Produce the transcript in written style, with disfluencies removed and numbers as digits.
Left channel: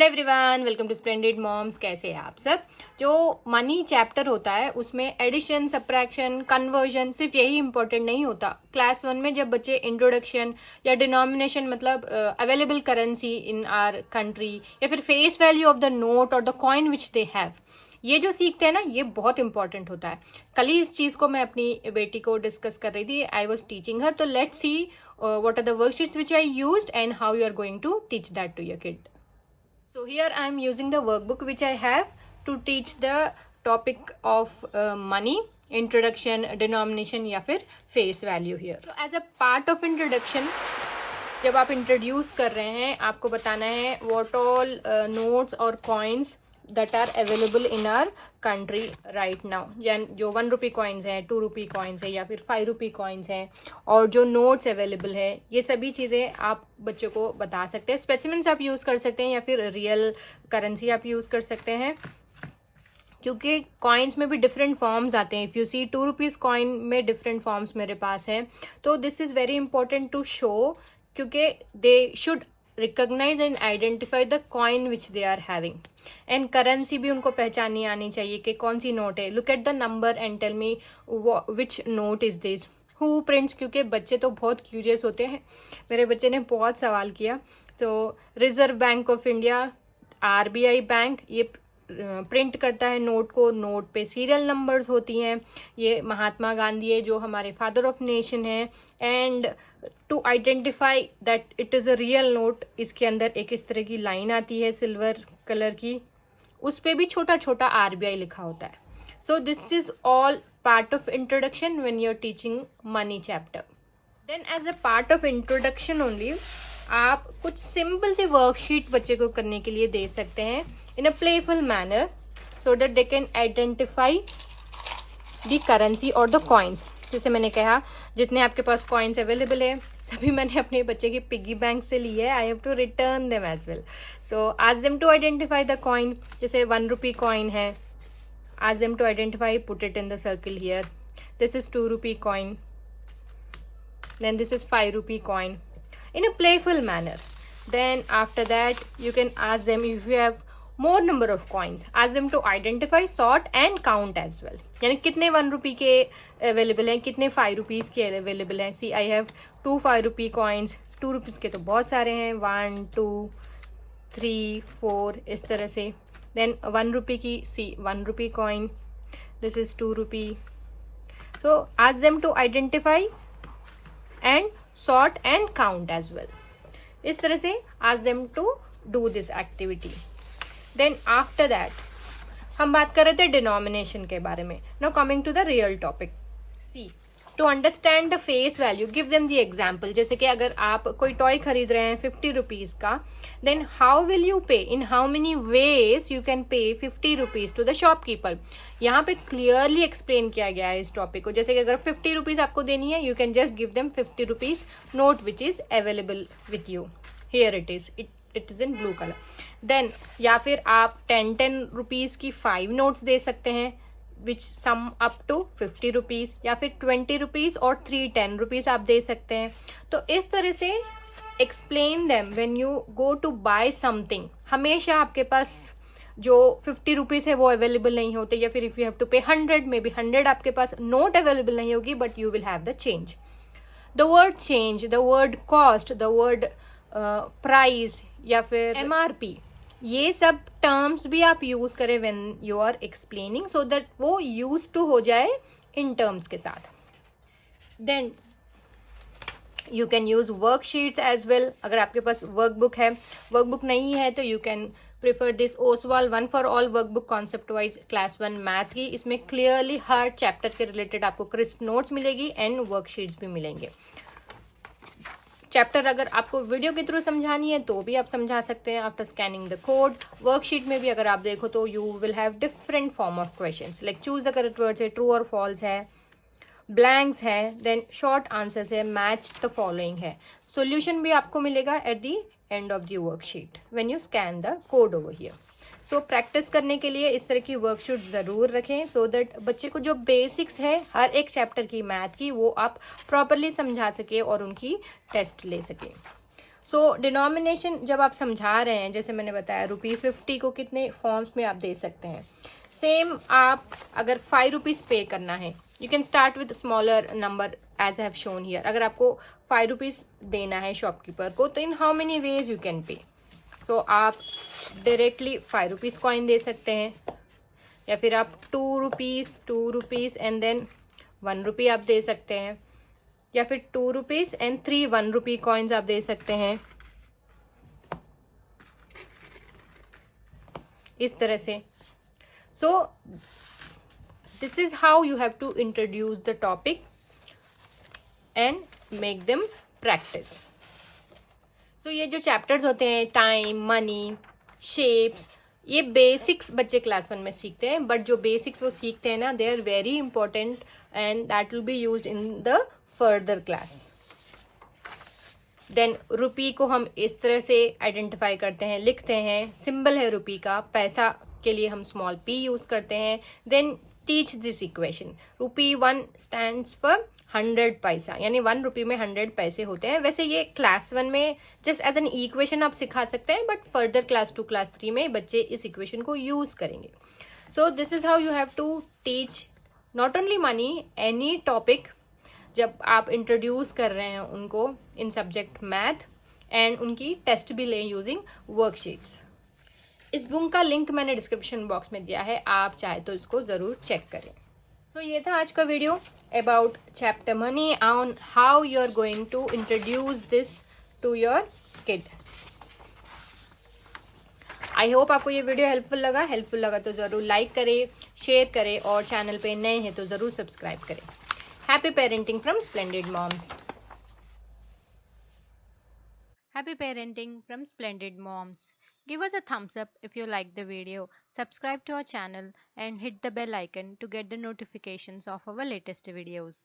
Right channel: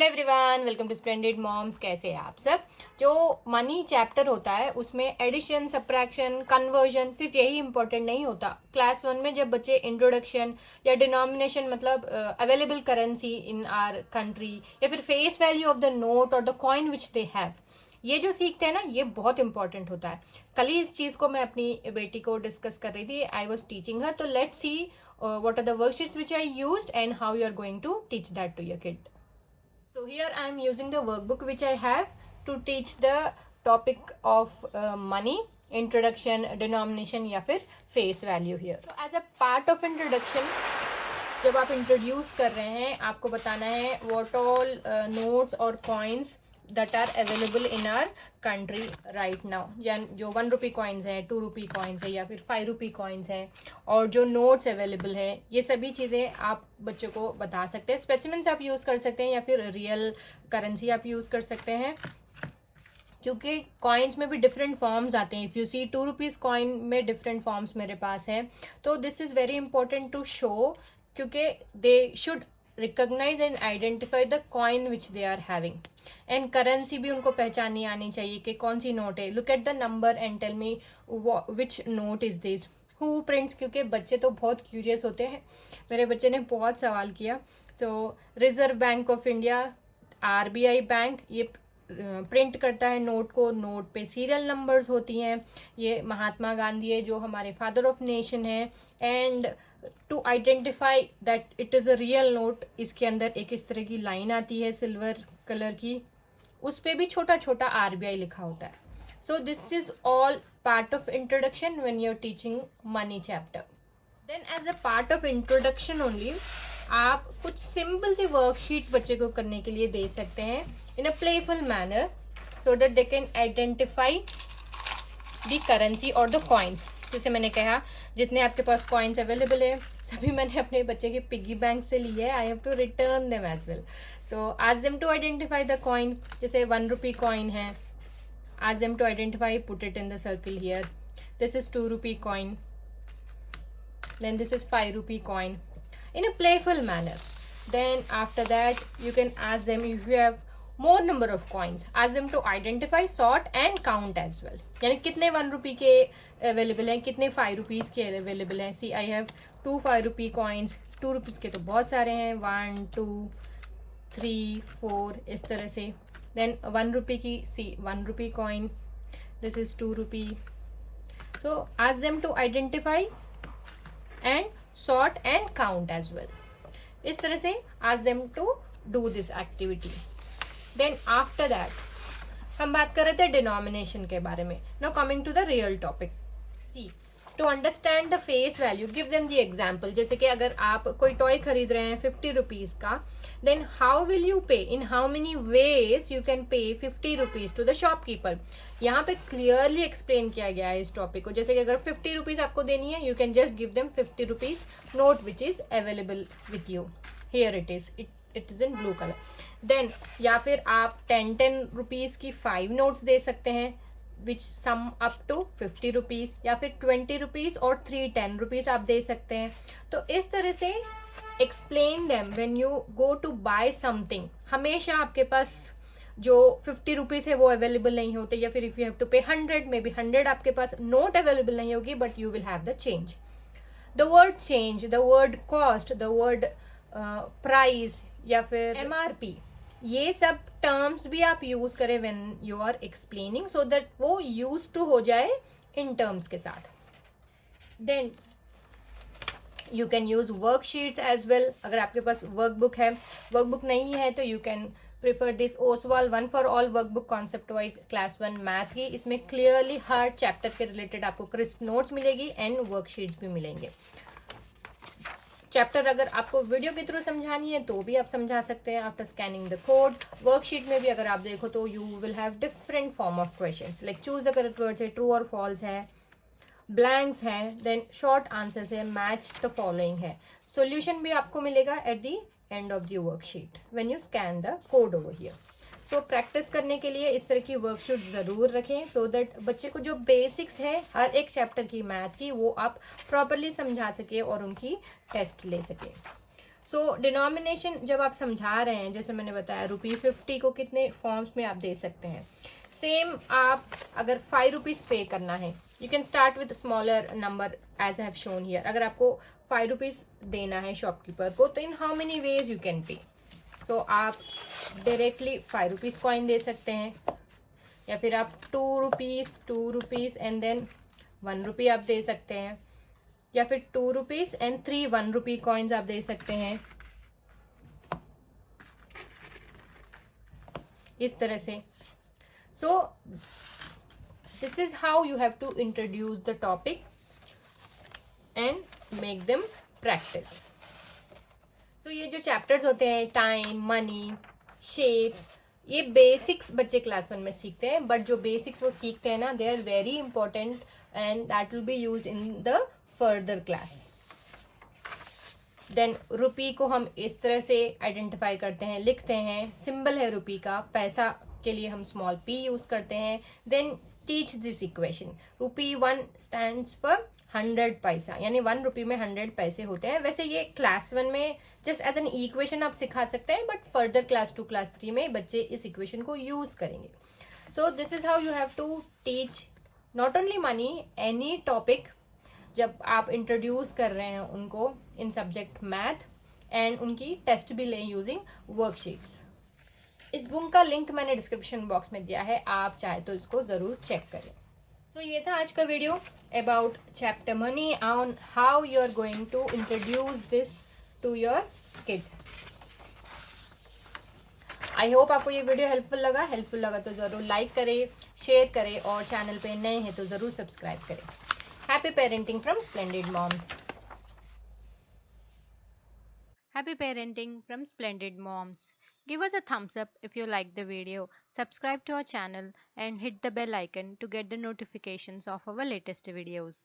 Hello everyone, welcome to Splendid Moms. कैसे हैं आप सब। जो मनी चैप्टर होता है उसमें एडिशन, सब्ट्रैक्शन, कन्वर्जन सिर्फ यही इंपॉर्टेंट नहीं होता। क्लास 1 में जब बच्चे इंट्रोडक्शन या डिनोमिनेशन मतलब available currency in our country या फिर face value of the note और the coin which they have, ये जो सीखते हैं ना, ये बहुत इंपॉर्टेंट होता है। कल ही इस चीज को मैं अपनी बेटी को डिस्कस कर रही थी। I was teaching her. तो let's see what are the worksheets which I used and how you are going to teach that to your kid. So here I am using the workbook which I have to teach the topic of money, introduction, denomination या फिर face value here. So as a part of introduction, जब आप introduce कर रहे हैं, आपको बताना है what all notes और coins that are available in our country right now. जो 1 रुपी कॉइन्स हैं, 2 रुपी कॉइन्स है या फिर 5 रुपी कॉइन्स हैं और जो नोट्स अवेलेबल है, ये सभी चीजें आप बच्चों को बता सकते हैं। स्पेसिमेंस आप यूज कर सकते हैं या फिर रियल करेंसी आप यूज कर सकते हैं, क्योंकि कॉइन्स में भी डिफरेंट फॉर्म्स आते हैं। If you see 2 rupees coin में डिफरेंट फॉर्म्स मेरे पास हैं, तो this is very important to show, क्योंकि they should recognise and identify the coin which they are having. And currency भी उनको पहचाननी आनी चाहिए कि कौन सी नोट है। Look at the number and tell me which note is this, who prints, क्योंकि बच्चे तो बहुत क्यूरियस होते हैं। मेरे बच्चे ने बहुत सवाल किया। तो reserve bank of India, RBI bank, ये प्रिंट करता है नोट को। नोट पे सीरियल नंबर्स होती हैं। ये महात्मा गांधी है जो हमारे फादर ऑफ नेशन है। And to identify that it is a real note, इसके अंदर एक इस तरह की लाइन आती है सिल्वर कलर की, उस पे भी छोटा छोटा आरबीआई लिखा होता है। So this is all part of introduction when you are teaching money chapter. Then as a part of introduction only, आप कुछ सिंपल सी वर्कशीट बच्चे को करने के लिए दे सकते हैं in a playful manner, so that they can identify the currency और द कॉइन्स। जैसे मैंने कहा, जितने आपके पास कॉइन्स अवेलेबल है सभी मैंने अपने बच्चे के पिग्गी बैंक से लिए है। I have to return them as well. So ask them to identify the coin. जैसे 1 रुपी कॉइन है, ask them to identify, put it in the circle here. This is 2 rupee coin, then this is 5 rupee coin, in a playful manner. Then after that you can ask them, if you have more number of coins, ask them to identify, sort and count as well. यानी कितने 1 रुपी के available हैं, कितने 5 rupees के available हैं। See I have 2 5 rupee coins. 2 rupees के तो बहुत सारे हैं, 1 2 3 4 इस तरह से। देन 1 रुपी की, सी 1 rupee coin, this is 2 rupee. So ask them to identify and sort and count as well. इस तरह से ask them to do this activity. Then after that हम बात कर रहे थे डिनोमिनेशन के बारे में. Now coming to the real topic. See, to understand the face value, give them the example. जैसे कि अगर आप कोई टॉय खरीद रहे हैं 50 रुपीज का, then how will you pay? In how many ways you can pay 50 rupees to the shopkeeper? यहाँ पे क्लियरली एक्सप्लेन किया गया है इस टॉपिक को। जैसे कि अगर 50 रुपीज आपको देनी है, you can just give them 50 rupees note which is available with you. Here it is in blue colour. Then या फिर आप 10 रुपीज की 5 नोट्स दे सकते हैं विच सम अप टू 50 रुपीज, या फिर 20 रुपीज और 3 10 रुपीज आप दे सकते हैं। तो इस तरह से explain them when you go to buy something. हमेशा आपके पास जो 50 रुपीज है वो अवेलेबल नहीं होते, या फिर इफ यू हैव टू पे 100, मे बी 100 आपके पास नोट अवेलेबल नहीं होगी, but you will have the change. The word change, the word cost, the word price या फिर एमआरपी, ये सब टर्म्स भी आप यूज करें when you are explaining, so that वो यूज टू हो जाए इन टर्म्स के साथ। Then you can use worksheets as well. अगर आपके पास वर्कबुक है, वर्कबुक नहीं है तो you can prefer this Oswal 1 for all workbook concept wise class 1 math की। इसमें क्लियरली हर चैप्टर के रिलेटेड आपको क्रिस्प नोट्स मिलेगी एंड वर्कशीट्स भी मिलेंगे। चैप्टर अगर आपको वीडियो के थ्रू समझानी है तो भी आप समझा सकते हैं after scanning the code. Worksheet में भी अगर आप देखो तो you will have different form of questions, like choose the correct words है, ट्रू और फॉल्स है, ब्लैंक्स है, देन शॉर्ट आंसर्स है, मैच द फॉलोइंग है। सॉल्यूशन भी आपको मिलेगा at the end of the worksheet when you scan the code over here. So practice करने के लिए इस तरह की वर्कशीट जरूर रखें, सो दैट बच्चे को जो बेसिक्स है हर एक चैप्टर की मैथ की, वो आप प्रॉपरली समझा सके और उनकी टेस्ट ले सके। सो डिनोमिनेशन जब आप समझा रहे हैं, जैसे मैंने बताया ₹50 को कितने फॉर्म्स में आप दे सकते हैं। सेम आप अगर ₹5 पे करना है, you can start with smaller number as I have shown here. अगर आपको ₹5 देना है शॉपकीपर को, तो in how many ways you can pay. तो आप डायरेक्टली ₹5 कॉइन दे सकते हैं, या फिर आप ₹2 एंड देन ₹1 आप दे सकते हैं, या फिर ₹2 एंड 3 ₹1 कॉइन्स आप दे सकते हैं, इस तरह से। So this is how you have to introduce the topic and make them practice. सो ये जो चैप्टर्स होते हैं, टाइम, मनी, शेप्स, ये बेसिक्स बच्चे क्लास 1 में सीखते हैं, बट जो बेसिक्स वो सीखते हैं ना, they are very important and that will be used in the further class. Then rupee को हम इस तरह से आइडेंटिफाई करते हैं, लिखते हैं, सिंबल है रुपी का, पैसा के लिए हम स्मॉल p यूज करते हैं। Then teach this equation, ₹1 stands for 100 paisa, यानी ₹1 में 100 पैसे होते हैं। वैसे ये क्लास 1 में जस्ट एज एन इक्वेशन आप सिखा सकते हैं, बट फर्दर क्लास 2 क्लास 3 में बच्चे इस इक्वेशन को यूज करेंगे। So this is how you have to teach not only money, any topic जब आप इंट्रोड्यूस कर रहे हैं उनको इन सब्जेक्ट मैथ, एंड उनकी टेस्ट भी लें यूजिंग वर्कशीट्स। इस बुक का लिंक मैंने डिस्क्रिप्शन बॉक्स में दिया है, आप चाहे तो इसको जरूर चेक करें। तो ये था आज का video about chapter money, on how you are going to introduce this to your kid. I hope आपको ये वीडियो हेल्पफुल लगा तो जरूर लाइक करें, शेयर करें, और चैनल पे नए हैं तो जरूर सब्सक्राइब करें। Happy parenting from Splendid Moms. Happy parenting from Splendid Moms. Give us a thumbs up if you like the video, subscribe to our channel and hit the bell icon to get the notifications of our latest videos.